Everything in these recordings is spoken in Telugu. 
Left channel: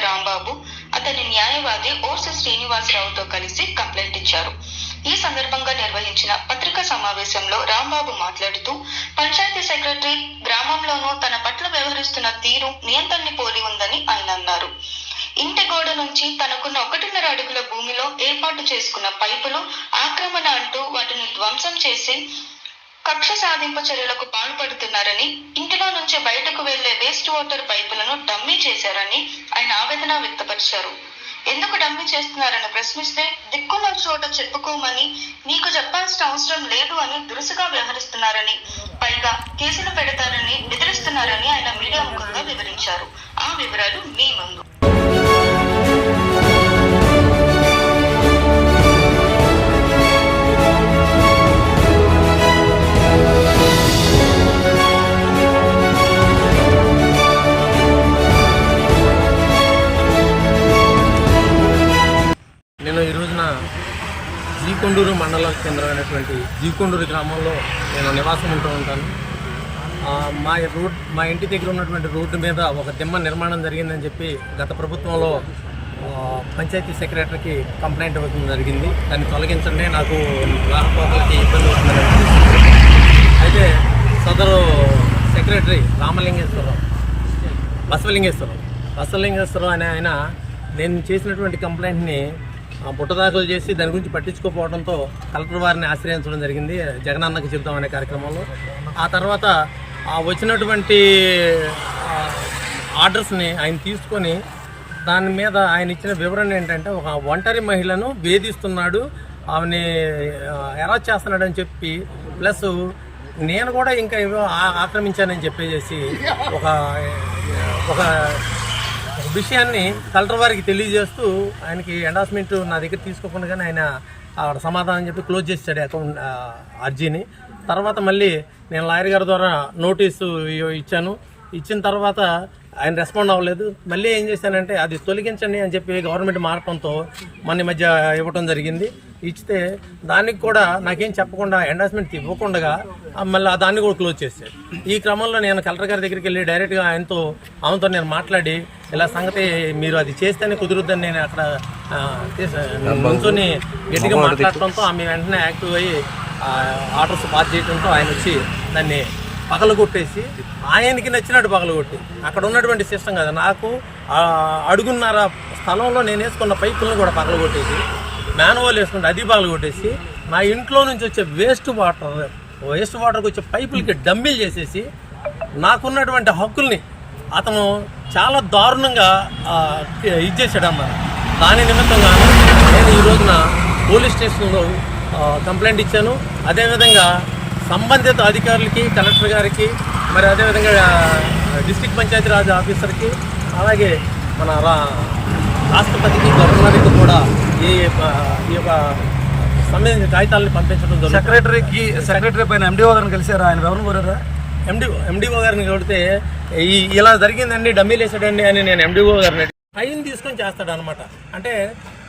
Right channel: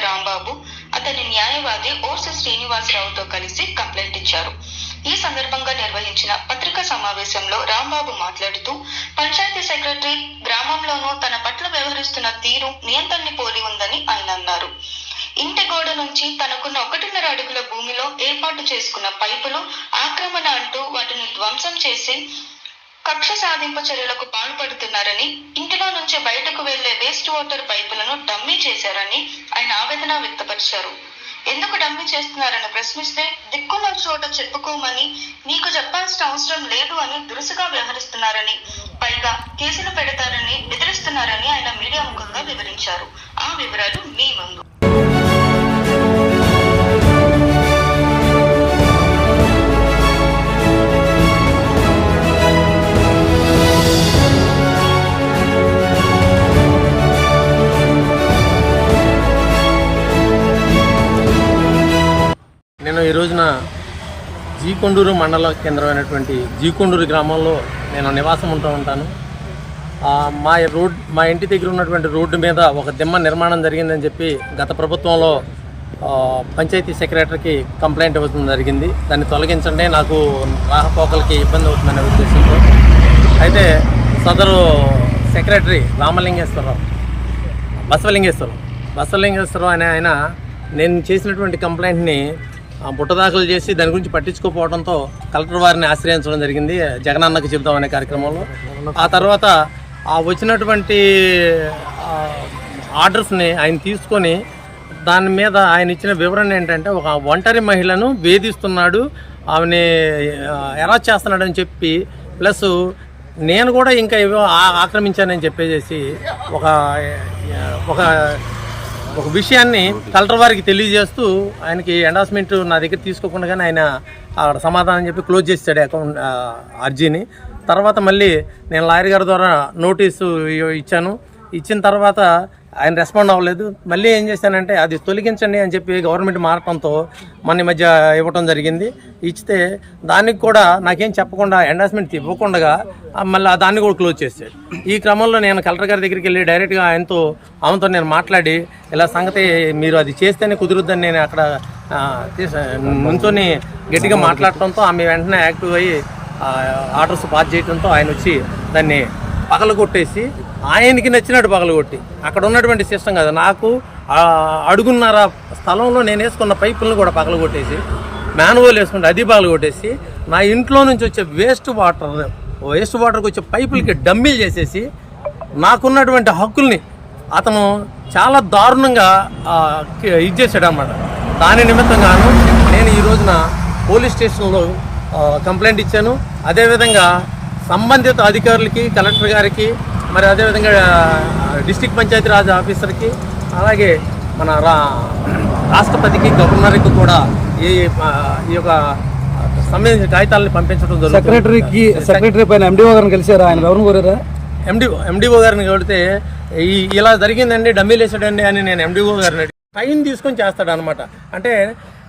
రాంబాబు అతని న్యాయవాది ఓర్సు శ్రీనివాసరావుతో కలిసి కంప్లైంట్ ఇచ్చారు. ఈ సందర్భంగా నిర్వహించిన పత్రికా సమావేశంలో రాంబాబు మాట్లాడుతూ పంచాయతీ సెక్రటరీ గ్రామంలోనూ తన పట్ల వ్యవహరిస్తున్న తీరు నియంత్రణని పోలి ఉందని ఆయన అన్నారు. ఇంటి గోడ నుంచి తనకున్న ఒకటిన్నర అడుగుల భూమిలో ఏర్పాటు చేసుకున్న పైపులు ఆక్రమణ అంటూ వాటిని ధ్వంసం చేసి కక్ష సాధింపు చర్యలకు పాల్పడుతున్నారని నుంచి బయటకు వెళ్ళే వేస్ట్ వాటర్ పైపులను డమ్మీ చేశారని ఆయన ఆవేదన వ్యక్తపరిచారు. ఎందుకు డమ్మీ చేస్తున్నారని ప్రశ్నిస్తే దిక్కున్న చోట చెప్పుకోమని నీకు చెప్పాల్సిన అవసరం లేదు అని దురుసుగా వ్యవహరిస్తున్నారని పైగా కేసులు పెడతారని బెదిరిస్తున్నారని ఆయన మీడియా ముఖంగా వివరించారు. ఆ వివరాలు మీ ముందు. జీకొండూరు మండల కేంద్రమైనటువంటి జీకొండూరు గ్రామంలో నేను నివాసం ఉంటూ ఉంటాను. మా రోడ్ మా ఇంటి దగ్గర ఉన్నటువంటి రోడ్డు మీద ఒక దిమ్మ నిర్మాణం జరిగిందని చెప్పి గత ప్రభుత్వంలో పంచాయతీ సెక్రటరీకి కంప్లైంట్ ఇవ్వడం జరిగింది. దాన్ని తొలగించండి నాకు రాకపోకలకి ఇబ్బంది అవుతుందనే ఉద్దేశంతో. అయితే సదరు సెక్రటరీ రామలింగేశ్వరరావు బసవలింగేశ్వరం బసవలింగేశ్వరం అనే ఆయన నేను చేసినటువంటి కంప్లైంట్ని ఆ, బుట్టదాఖలు చేసి దాని గురించి పట్టించుకోకపోవడంతో కలెక్టర్ వారిని ఆశ్రయించడం జరిగింది. జగనన్నకు చెబుతాం అనే కార్యక్రమంలో. ఆ తర్వాత ఆ వచ్చినటువంటి ఆర్డర్స్ని ఆయన తీసుకొని దాని మీద ఆయన ఇచ్చిన వివరణ ఏంటంటే ఒక ఒంటరి మహిళను వేధిస్తున్నాడు ఆమెని ఆ, చేస్తున్నాడు చేస్తున్నాడని చెప్పి ప్లస్ నేను కూడా ఇంకా ఏవో ఆక్రమించానని చెప్పేసి ఒక ఒక ఒక విషయాన్ని కలెక్టర్ వారికి తెలియజేస్తూ ఆయనకి ఎండాస్మెంట్ నా దగ్గర తీసుకోకుండా ఆయన అక్కడ సమాధానం చెప్పి క్లోజ్ చేస్తాడు అకౌంట్ అర్జీని తర్వాత మళ్ళీ నేను లాయర్ గారి ద్వారా నోటీసు ఇచ్చాను. ఇచ్చిన తర్వాత ఆయన రెస్పాండ్ అవ్వలేదు. మళ్ళీ ఏం చేశానంటే అది తొలగించండి అని చెప్పి గవర్నమెంట్ మారటంతో మన మధ్య ఇవ్వటం జరిగింది. ఇచ్చితే దానికి కూడా నాకేం చెప్పకుండా ఎండార్స్మెంట్ ఇవ్వకుండా మళ్ళీ దాన్ని కూడా క్లోజ్ చేశాడు. ఈ క్రమంలో నేను కలెక్టర్ గారి దగ్గరికి వెళ్ళి డైరెక్ట్గా ఆయనతో ఆమెతో నేను మాట్లాడి ఇలా సంగతి మీరు అది చేస్తేనే కుదురుద్దని నేను అక్కడ నుంచొని గట్టిగా మాట్లాడటంతో ఆమె వెంటనే యాక్టివ్ అయ్యి ఆర్డర్స్ పాస్ చేయడంతో ఆయన వచ్చి దాన్ని పగలగొట్టేసి ఆయనకి నచ్చినట్టు పగలగొట్టి. అక్కడ ఉన్నటువంటి సిస్టమ్ కదా నాకు అడుగున్నర స్థలంలో నేను వేసుకున్న పైపులను కూడా పగలగొట్టేసి మ్యాన్వోల్ వేసుకుంటే అది పగలగొట్టేసి నా ఇంట్లో నుంచి వచ్చే వేస్ట్ వాటర్ వేస్ట్ వాటర్కి వచ్చే పైపులకి డమ్మీలు చేసేసి నాకున్నటువంటి హక్కుల్ని అతను చాలా దారుణంగా ఆ, ఇది అన్నమాట దాని నిమిత్తంగా నేను ఈ రోజున పోలీస్ స్టేషన్లో కంప్లైంట్ ఇచ్చాను. అదేవిధంగా సంబంధిత అధికారులకి కలెక్టర్ గారికి మరి అదేవిధంగా డిస్టిక్ పంచాయతీరాజ్ ఆఫీసర్కి అలాగే మన రా రాష్ట్రపతికి గవర్నర్కి కూడా ఈ ఈ యొక్క సంబంధించిన కాగితాలను పంపించడం జరుగుతుంది. సెక్రటరీకి సెక్రటరీ పైన ఎండిఓ గారిని కలిసారా ఆయన ఎవరిని కోరారా? ఎండి ఎండిఓ గారిని కొడితే ఈ ఇలా జరిగిందండి డమ్మీలు వేసాడండి అని నేను ఎండిఓ గారిని టైం తీసుకొని చేస్తాడు అనమాట అంటే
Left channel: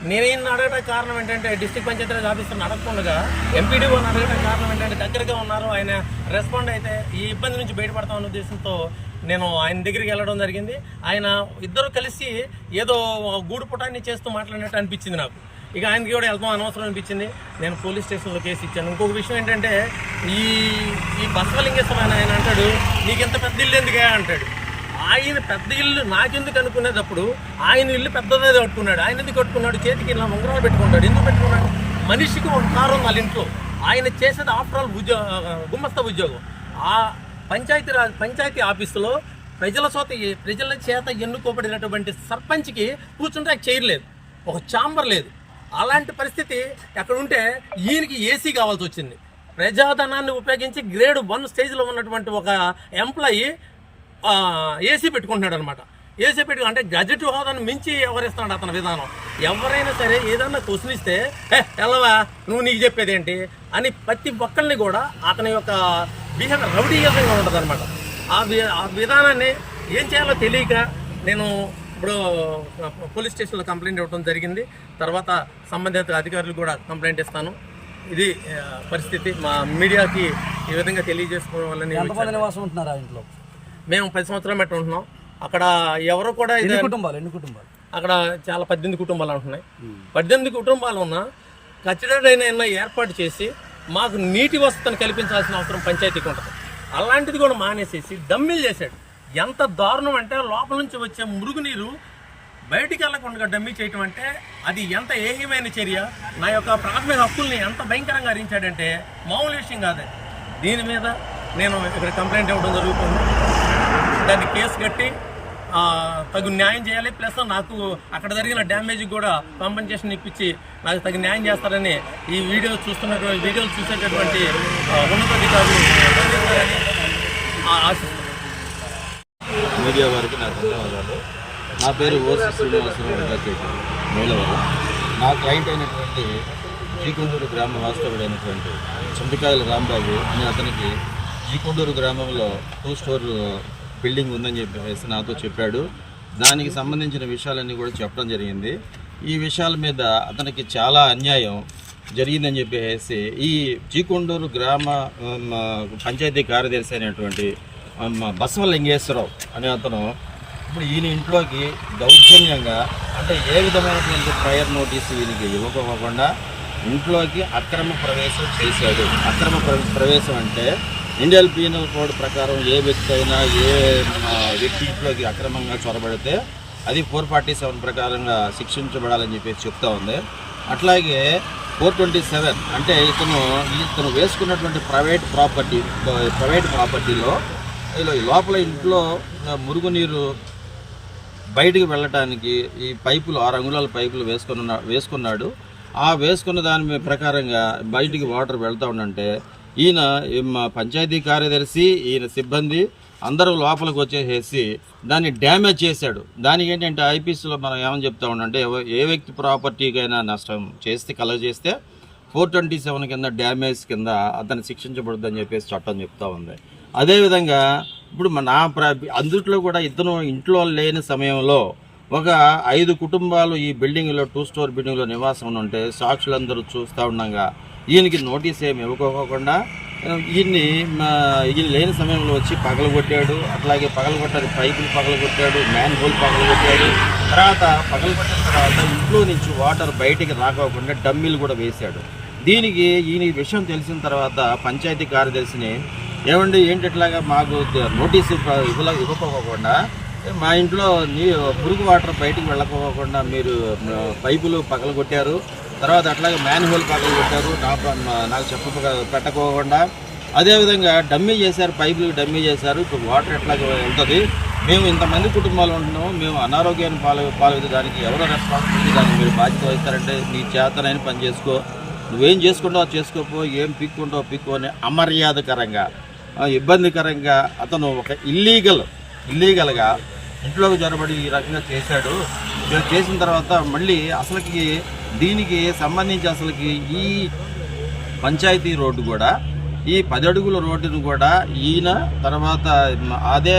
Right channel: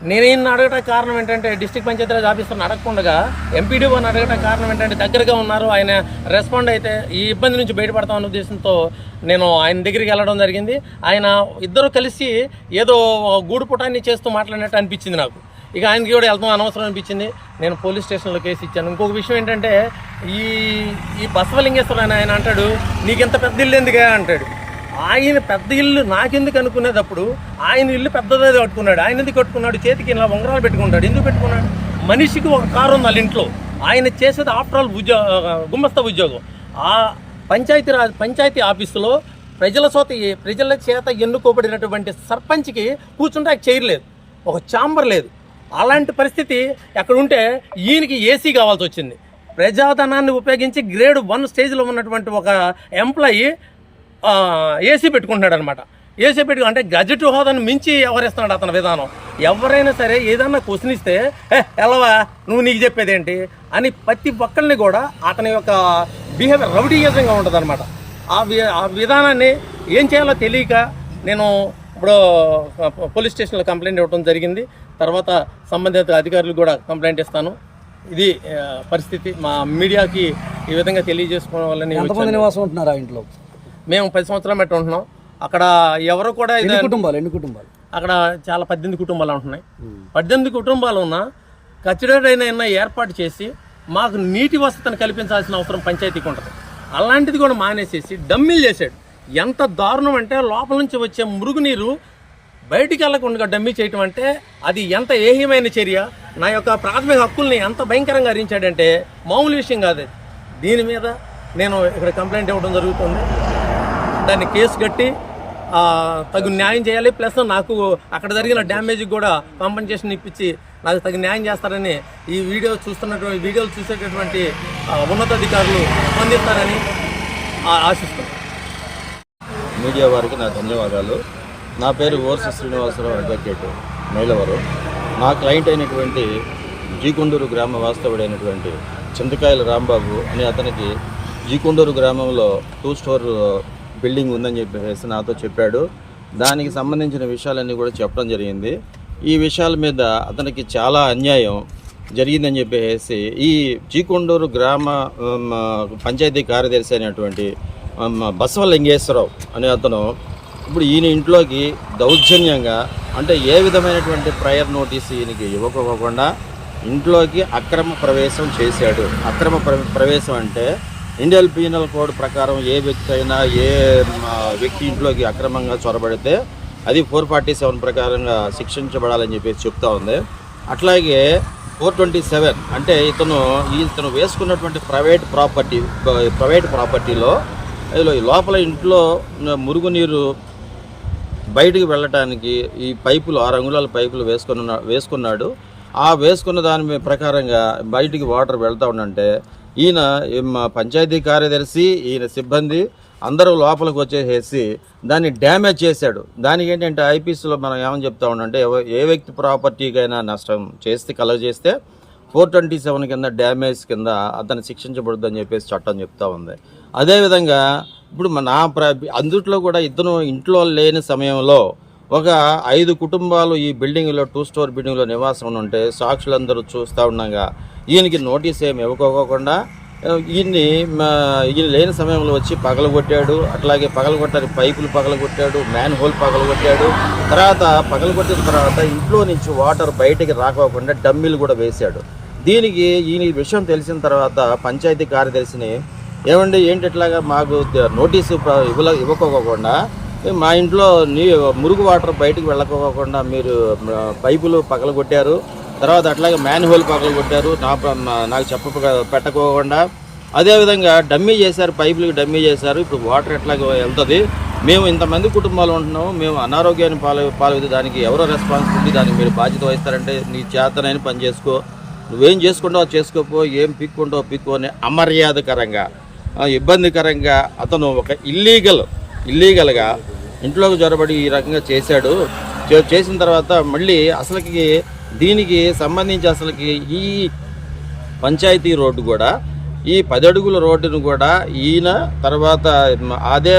నేనేం అడగటానికి కారణం ఏంటంటే డిస్ట్రిక్ట్ పంచాయతీరాజ్ ఆఫీసర్ని అడగకుండా ఎంపీడీఓని అడగటానికి కారణం ఏంటంటే దగ్గరగా ఉన్నారు. ఆయన రెస్పాండ్ అయితే ఈ ఇబ్బంది నుంచి బయటపడతామన్న ఉద్దేశంతో నేను ఆయన దగ్గరికి వెళ్ళడం జరిగింది. ఆయన ఇద్దరు కలిసి ఏదో గూడు పుటాన్ని చేస్తూ మాట్లాడినట్టు అనిపించింది నాకు. ఇక ఆయనకి కూడా వెళ్తాం అనవసరం అనిపించింది. నేను పోలీస్ స్టేషన్లో కేసు ఇచ్చాను. ఇంకొక విషయం ఏంటంటే ఈ ఈ బసవలింగేశ్వర ఆయన ఆయన అంటాడు నీకెంత పెద్ద ఇల్లు ఎందుగా అంటాడు. ఆయన పెద్ద ఇల్లు నాకెందుకు అనుకునేటప్పుడు ఆయన ఇల్లు పెద్దదే కట్టుకున్నాడు. ఆయన ఎందుకు కట్టుకున్నాడు? చేతికి ఇలా ఉంగరాలు పెట్టుకుంటాడు. ఎందుకు పెట్టుకున్నాడు? మనిషికి ఒక కారు ఉంది వాళ్ళ ఇంట్లో. ఆయన చేసేది ఆఫ్టర్ ఆల్ ఉద్యోగ గుమ్మస్త ఉద్యోగం. ఆ పంచాయతీ రాజ్ పంచాయతీ ఆఫీసులో ప్రజల చేత ప్రజల చేత ఎన్నుకోబడినటువంటి సర్పంచ్కి కూర్చుంటే చేయలేదు ఒక ఛాంబర్ లేదు. అలాంటి పరిస్థితి ఎక్కడ ఉంటే ఈయనకి ఏసీ కావాల్సి వచ్చింది. ప్రజాధనాన్ని ఉపయోగించి గ్రేడ్ వన్ స్టేజ్లో ఉన్నటువంటి ఒక ఎంప్లాయీ ఏసీ పెట్టుకుంటున్నాడు అనమాట ఏసీ పెట్టుకు అంటే గజెట్ హోదాను మించి ఎవరిస్తున్నాడు అతని విధానం? ఎవరైనా సరే ఏదన్నా క్వశ్చన్ ఇస్తే "ఏ, ఎలవా నువ్వు నీకు చెప్పేది ఏంటి అని ప్రతి ఒక్కరిని కూడా అతని యొక్క బిహేవియర్ రౌడీయంగా ఉంటుంది అనమాట ఆ వి ఆ విధానాన్ని ఏం చేయాలో తెలియక నేను ఇప్పుడు పోలీస్ స్టేషన్లో కంప్లైంట్ ఇవ్వడం జరిగింది. తర్వాత సంబంధిత అధికారులు కూడా కంప్లైంట్ ఇస్తాను. ఇది పరిస్థితి మా మీడియాకి ఈ విధంగా తెలియజేసుకోవాలని నివాసం ఉంటున్నారు ఆ ఇంట్లో? మేము పది సంవత్సరాలు మెట్ట ఉంటున్నాం. అక్కడ ఎవరు కూడా ఇది ఎన్ని కుటుంబాలు ఎన్ని కుటుంబాలు? అక్కడ చాలా పద్దెనిమిది కుటుంబాలు ఉంటున్నాయి. పద్దెనిమిది కుటుంబాలు ఉన్నా ఖచ్చితమైన ఏర్పాటు చేసి మాకు నీటి వసతిని కల్పించాల్సిన అవసరం పంచాయతీకి ఉంటుంది. అలాంటిది కూడా మానేసేసి డమ్మీలు చేశాడు. ఎంత దారుణం అంటే లోపల నుంచి వచ్చే మురుగునీరు బయటికి వెళ్ళకుండా డమ్మీ చేయటం అంటే అది ఎంత ఏహ్యమైన చర్య? నా యొక్క ప్రాథమిక హక్కుల్ని ఎంత భయంకరంగా హరించాడంటే మామూలు విషయం కాదు. దీని మీద నేను ఇక్కడ కంప్లైంట్ ఇవ్వడం జరుగుతుంది. దాన్ని కేసు కట్టి తగు న్యాయం చేయాలి. ప్లస్ నాకు అక్కడ జరిగిన డ్యామేజ్ కూడా కాంపన్సేషన్ ఇప్పించి నాకు తగు న్యాయం చేస్తారని ఈ వీడియో చూస్తున్నటువంటి వీడియోలు చూసేటటువంటి ఉన్నతాధికారులు స్పందిస్తారని ఆశిస్తాం మీడియా వారికి నా ధన్యవాదాలు. నా పేరు ఓర్సి శ్రీనివాసరావు అడ్వకేట్ మైలవరం నా క్లయింట్ అయినటువంటి జీకొండూరు గ్రామ వాస్తవుడైనటువంటి చింతకాయల రాంబాబు అని అతనికి జీకొండూరు గ్రామంలో టూ స్టోర్ బిల్డింగ్ ఉందని చెప్పేసి నాతో చెప్పాడు. దానికి సంబంధించిన విషయాలన్నీ కూడా చెప్పడం జరిగింది. ఈ విషయాల మీద అతనికి చాలా అన్యాయం జరిగిందని చెప్పేసి ఈ జీకొండూరు గ్రామ పంచాయతీ కార్యదర్శి అయినటువంటి బసవ బసవలింగేశ్వరరావు అనే అతను ఇప్పుడు ఈయన ఇంట్లోకి దౌర్జన్యంగా అంటే ఏ విధమైనటువంటి ప్రయర్ నోటీసు ఈయనకి ఇవ్వకపోకుండా ఇంట్లోకి అక్రమ ప్రవేశం చేశాడు. అక్రమ ప్ర- ప్రవేశం అంటే ఇండియన్ పీనల్ కోడ్ ప్రకారం ఏ వ్యక్తి అయినా ఏ వ్యక్తి ఇంట్లోకి అక్రమంగా చొరబడితే అది ఫోర్ ఫార్టీ సెవెన్ ప్రకారంగా శిక్షించబడాలని చెప్పేసి చెప్తా ఉంది. అట్లాగే ఫోర్ ట్వంటీ సెవెన్ అంటే ఇతను ఇతను వేసుకున్నటువంటి ప్రైవేట్ ప్రాపర్టీ ప్రైవేట్ ప్రాపర్టీలో ఈ లోపల ఇంట్లో మురుగునీరు బయటికి వెళ్ళటానికి ఈ పైపులు ఆరు అంగుళాల పైపులు వేసుకున్న వేసుకున్నాడు. ఆ వేసుకున్న దాని ప్రకారంగా బయటికి వాటర్ వెళ్తా ఉండంటే ఈయన ఈ మా పంచాయతీ కార్యదర్శి ఈయన సిబ్బంది అందరూ లోపలికి వచ్చేసేసి దాన్ని డ్యామేజ్ చేశాడు. దానికి ఏంటంటే ఐపీసీలో మనం ఏమని చెప్తా ఉండంటే ఏ వ్యక్తి ప్రాపర్టీకైనా నష్టం చేస్తే కలగజేస్తే ఫోర్ ట్వంటీ సెవెన్ కింద డ్యామేజ్ కింద అతను శిక్షించబడుద్దని చెప్పేసి చట్టం చెప్తా ఉంది. అదేవిధంగా ఇప్పుడు మన నా ప్ర అందుట్లో కూడా ఇతను ఇంట్లో లేని సమయంలో ఒక ఐదు కుటుంబాలు ఈ బిల్డింగ్లో టూ స్టోర్ బిల్డింగ్లో నివాసం ఉంటే సాక్షులందరూ చూస్తూ ఉండగా ఈయనకి నోటీస్ ఏమి ఇవ్వకోకుండా ఈయన్ని మా, ఈయన లేని సమయంలో వచ్చి పగలగొట్టాడు అట్లాగే పగలగొట్టాడు పైపులు పగలగొట్టాడు మ్యాన్ హోల్ పగలగొట్టాడు తర్వాత పగలగొట్టిన తర్వాత ఇంట్లో నుంచి వాటర్ బయటికి రాకోకుండా డమ్మీలు కూడా వేశాడు. దీనికి ఈయన ఈ విషయం తెలిసిన తర్వాత పంచాయతీ కార్యదర్శిని ఏమండి ఏంటి ఇట్లాగా మాకు నోటీసు ఇవ్వల ఇవ్వకోకుండా మా ఇంట్లో నీ మురుగు వాటర్ బయటికి వెళ్ళకోకుండా మీరు పైపులు పగలగొట్టారు తర్వాత అట్లాగే మ్యాన్ హోల్ పగలగొట్టారు నా ప్ర- నాకు చెప్ప పెట్టకోకుండా. అదేవిధంగా డమ్మీ చేశారు పైపులకు డమ్మీ చేశారు. ఇప్పుడు వాటర్ ఎట్లాగ వెళ్తుంది. మేము ఇంతమంది కుటుంబాలు ఉంటున్నాం మేము అనారోగ్యాన్ని పాలు పాలు దానికి ఎవరో రెస్పాన్సిబిలిటీ దానికి మీరు బాధ్యత వహిస్తారంటే నీ చేతనైన పని చేసుకో. నువ్వేం చేసుకుంటావు చేసుకోపో ఏం పిక్కుంటావు పిక్కు అని అమర్యాదకరంగా ఇబ్బందికరంగా అతను ఒక ఇల్లీగల్ ఇల్లీగల్గా ఇంట్లోకి జొరబడి ఈ రకంగా చేశాడు. చేసిన తర్వాత మళ్ళీ అసలుకి దీనికి సంబంధించి అసలుకి ఈ పంచాయతీ రోడ్డు కూడా ఈ పది అడుగుల రోడ్డును కూడా ఈయన తర్వాత అదే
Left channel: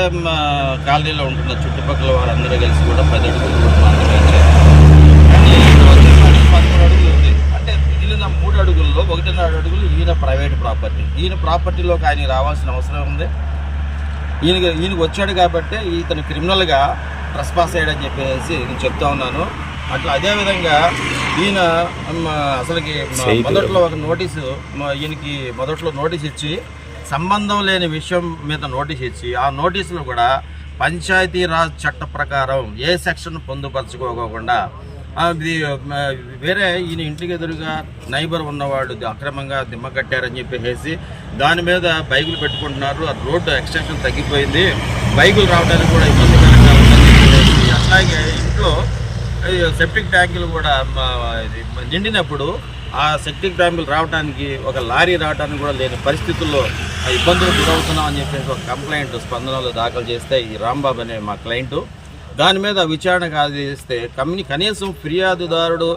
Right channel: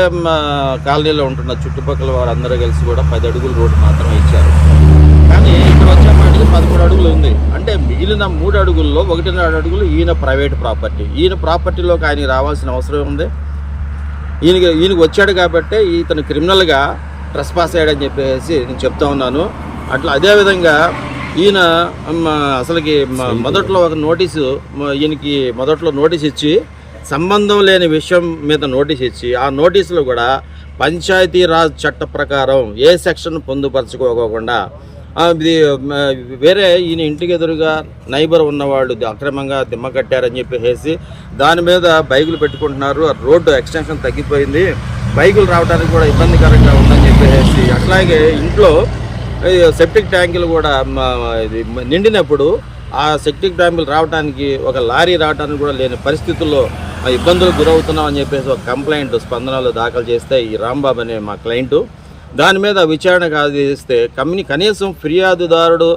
కాలనీలో ఉంటున్న చుట్టుపక్కల వారందరూ కలిసి కూడా పది అడుగుల రోడ్డు మాత్రమే ఇచ్చారు. కానీ ఇక్కడ వచ్చేప్పటికి పదమూడు అడుగులు ఉంది. అంటే మిగిలిన మూడు అడుగుల్లో ఒకటిన్నర అడుగులు ఈయన ప్రైవేట్ ప్రాపర్టీ. ఈయన ప్రాపర్టీలోకి ఆయన రావాల్సిన అవసరం ఉంది. ఈయనకి ఈయనకి వచ్చాడు కాబట్టి ఇతను క్రిమినల్గా ట్రెస్పాస్ అయ్యాడని చెప్పేసి నేను చెప్తా ఉన్నాను. అట్లా అదేవిధంగా ఈయన మ, అసలుకి మొదట్లో ఒక నోటీసు ఈయనకి మొదట్లో నోటీస్ ఇచ్చి సంబంధం లేని విషయం మీద నోటీస్ ఇచ్చి ఆ నోటీసులో కూడా పంచాయతీరాజ్ చట్ట ప్రకారం ఏ సెక్షన్ పొందుపరచుకోకుండా ఇది వేరే ఈయన ఇంటికి ఎదురుగా నైబర్ ఉన్నవాళ్ళు అక్రమంగా దిమ్మ కట్టారని చెప్పేసి దాని మీద బైకులు పెట్టుకుంటున్నారు. రోడ్డు ఎక్స్టెన్షన్ తగ్గిపోయింది. బైకులు రావడానికి కూడా ఇబ్బందికరంగా ఉందని చెప్పేసి అట్లాగే ఇంట్లో సెప్టిక్ ట్యాంకులు కూడా ఇది నిండినప్పుడు ఆ సెప్టిక్ ట్యాంకులు రావడానికి ఒక లారీ రావడానికి కూడా లేని పరిస్థితుల్లో ఇబ్బందులు గురవుతున్నాం అని చెప్పేసి ఒక కంప్లైంట్ స్పందనలో దాఖలు చేస్తే ఈ రాంబాబు అనే మా క్లయింటు దాని మీద విచారణ కాదిస్తే కమ్యూని కనీసం ఫిర్యాదుదారుడు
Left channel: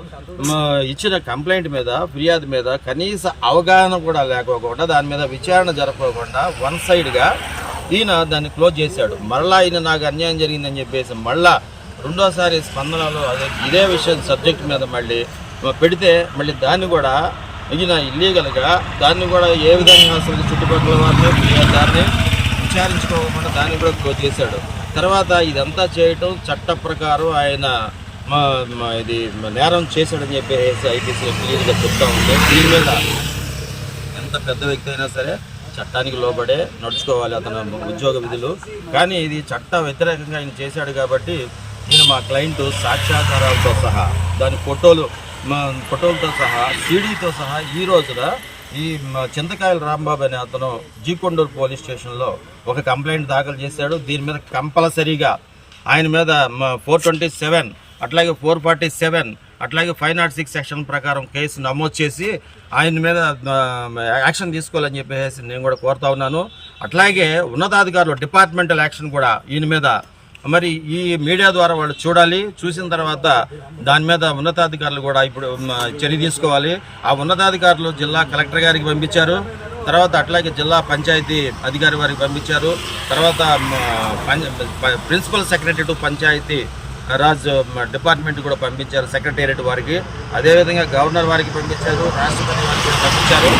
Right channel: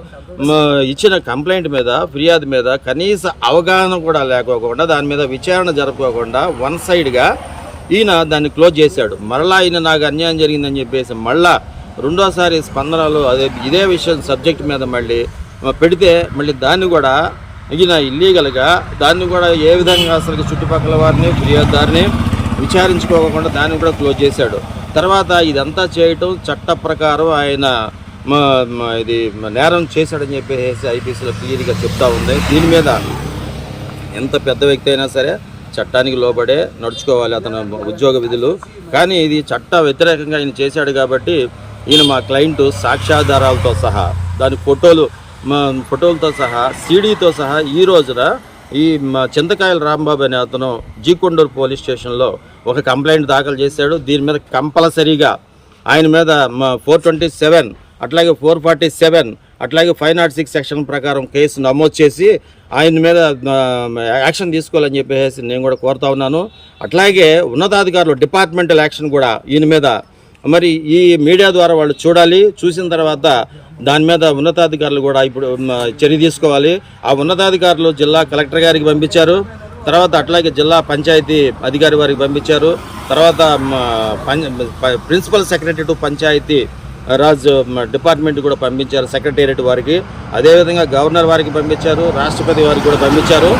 ఇచ్చిన కంప్లైంట్ మీద ఫిర్యాదు మీద కనీస అవగాహన కూడా లేకోకుండా దాని మీద విచారణ జరపకుండా వన్ సైడ్గా ఈయన దాన్ని క్లోజ్ చేశాడు. మళ్ళా ఈయన నాకు అన్యాయం జరిగిందని చెప్పేసి మళ్ళా రెండోసారి స్పందనలు అదే ఇదే విషయం సబ్జెక్ట్ మీద మళ్ళీ పెడితే మళ్ళీ దాన్ని కూడా ఈయన ఇల్లీగల్గా దాన్ని కూడా ఏ విధంగా అసలు చుట్టుపక్కల వారిని ఫిర్యాదుదారిని విచారించుకోకుండా దాన్ని కూడా క్లోజ్ చేశాడు. తర్వాత ఇదంతా చేయటం చట్ట ప్రకారం ఆయన మా ఇది నేరం చేశాడని చెప్పేసి ఐపీసీలో క్లియర్గా చెప్తా ఉంది దీని మీద ఎంత పెద్ద వ్యక్తి అయినా సరే చట్టానికి లోబడే నడుచుకోవాలి అతని ఉద్యోగ విధులు. కానీ ఇది చట్ట వ్యతిరేకంగా ఆయన చేశాడు కాబట్టి ఈయన మా క్లయింట్ సాక్ష్యాధారాలతో సహా దాని ఫోటోలు మా ఫోటోలతో సహా సీడీతో సహా ఈ రోజున ఈ మా చింతకాయల రాంబాబు అనే అతను జీకొండూరు పోలీస్ స్టేషన్లో ఒక కంప్లైంట్ దాఖలు చేశాడు. దీని మీద కంపల్సరీగా ఆయన మీద ఫోర్ ట్వంటీ సెవెన్ అట్లాగే ఫోర్ ఫార్టీ సెవెన్ అట్లాగే ఫైవ్ నాట్ సిక్స్ సెక్షన్ ప్రకారం కేసు నమోదు చేసి ఆయన మీద యాక్షన్ తీసుకోవాలని చెప్పేసి నేను కూడా కోరుతా ఉన్నాను. అట్లాగే ఉన్నతాధికారులు డిపార్ట్మెంటల్ యాక్షన్ కూడా ఈయన మీద మరి ఈ మీడియా ద్వారా వాళ్ళు చూడాలి చూసిన తర్వాత దాని మీద ఉన్నతాధికారులు కూడా ఇప్పుడు చర్య తీసుకోవాలి. ఆ ఉన్నతాధికారులు జిల్లా కలెక్టర్ గారికి పంపించారు. తర్వాత అట్లాగే జిల్లా పంచాయతీ అధికారి వారికి పంపించారు. తర్వాత పం- principal secretary to panchayat raj department కూడా పంపించారు సెక్రటేరియట్ వారికి. అదేవిధంగా గవర్నర్ వారికి పంపించారు రాష్ట్రపతి వారికి కూడా పంపించారు.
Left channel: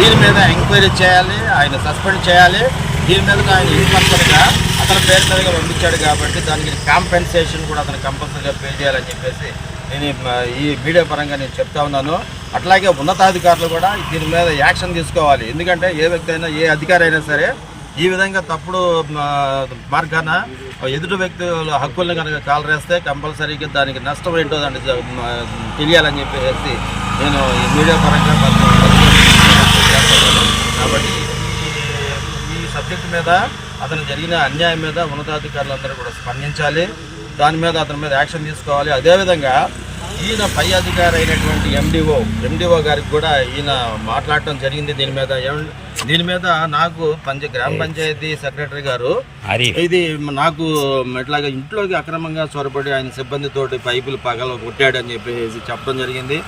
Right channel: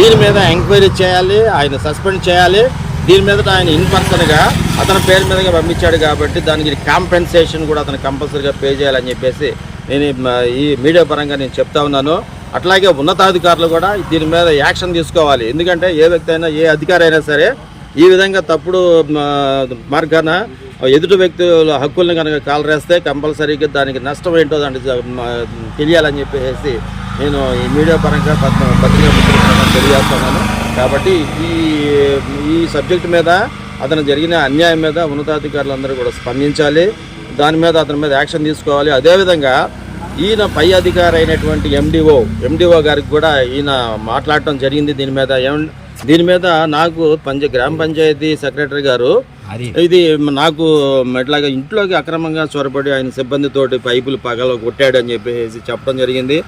దీని మీద ఎంక్వైరీ చేయాలి ఆయన సస్పెండ్ చేయాలి. దీని మీద ఆయన ఇన్పర్సన్గా అతని పేరు మీదగా పంపించాడు కాబట్టి దానికి కాంపెన్సేషన్ కూడా అతను కంపల్సరీగా పే చేయాలని చెప్పేసి నేను ఈ మీడియా పరంగా నేను చెప్తా ఉన్నాను. అట్లాగే ఉన్నతాధికారులు కూడా దీని మీద యాక్షన్ తీసుకోవాలి. ఎందుకంటే ఏ వ్యక్తి అయినా ఏ అధికారి అయినా సరే ఈ విధంగా తప్పుడు మార్గాన ఎదుటి వ్యక్తుల హక్కుల్ని కనుక కాలరేస్తే కంపల్సరీగా దానికి నష్టం ఏంటో దాన్ని తెలియాలని చెప్పేసి నేను ఈ మీడియా పరంగా పత్ర తెలియజేస్తున్నాను. కాబట్టి ఈ ఈ సబ్జెక్ట్ మీద అతను జరిగిన అన్యాయం మీద ఉన్నతాధికారులందరూ కూడా స్పందించాలి. దాని మీద అతని మీద యాక్షన్ తీసుకోవాలి. అదేవిధంగా ఈయన పై అధికారి అయినటువంటి ఎండిఓ ఎండిఓ గారికి కూడా ఈయన మాట్లాడటం జరిగింది దీని మీద. దీని మీద నాకు పంచ గ్రామ పంచాయతీ సెక్రటరీ గారు ఇది నాకు ఇట్లాగా ఇంట్లోకి అక్రమంగా చొరబడి ఆయన సిబ్బందితోటి పైపులు పగల కొట్టాడు అని చెప్పేసి చెప్పడం జరిగింది.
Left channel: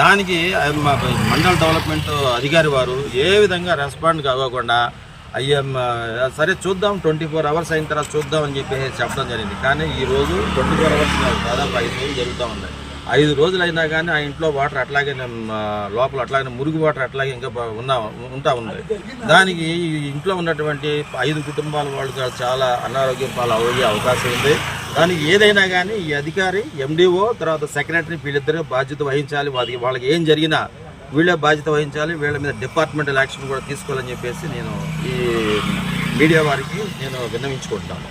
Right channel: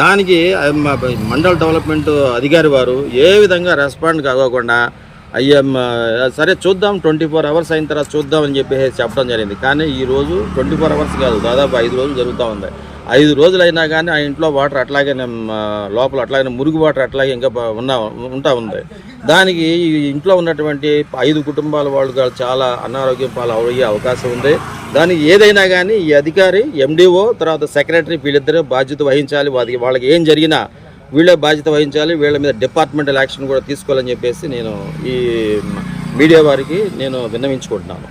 దానికి మండల డెవలప్మెంట్ అధికారి వారు ఏ విధంగా రెస్పాండ్ కాకోకుండా అయ్యా సరే చూద్దాం ట్వంటీ ఫోర్ అవర్స్ అయిన తర్వాత చూద్దాం అని చెప్పేసి చెప్పడం జరిగింది. కానీ ఈ రోజు ట్వంటీ ఫోర్ అవర్స్ కాదు దాదాపు ఐదు రోజులు జరుగుతూ ఉంది. ఐదు రోజులు అయినా కానీ ఆ ఇంట్లో వాటర్ అట్లాగే లోపల అట్లాగే మురుగు వాటర్ అట్లాగే ఇంకా ఉన్నా ఉంటా ఉంది. దానికి ఇంట్లో ఉన్నటువంటి ఐదు కుటుంబాల వాళ్ళు చాలా అనారోగ్యం పాలు అయ్యే అవకాశం ఉంది. దానికి ఏదైనా కానీ ఈ అధికారి ఎండిఓ తర్వాత సెక్రటరీ వీళ్ళిద్దరే బాధ్యత వహించాలి. వాళ్ళకి వాళ్ళకి ఏం జరిగినా వీళ్ళే బాధ్యత వహించాలి వీళ్ళ మీద డిపార్ట్మెంటల్ యాక్షన్ కూడా తీసుకోవాలని చెప్పేసి నేను ఈ మీడియా వారికి నేను విన్నవించుకుంటున్నాను.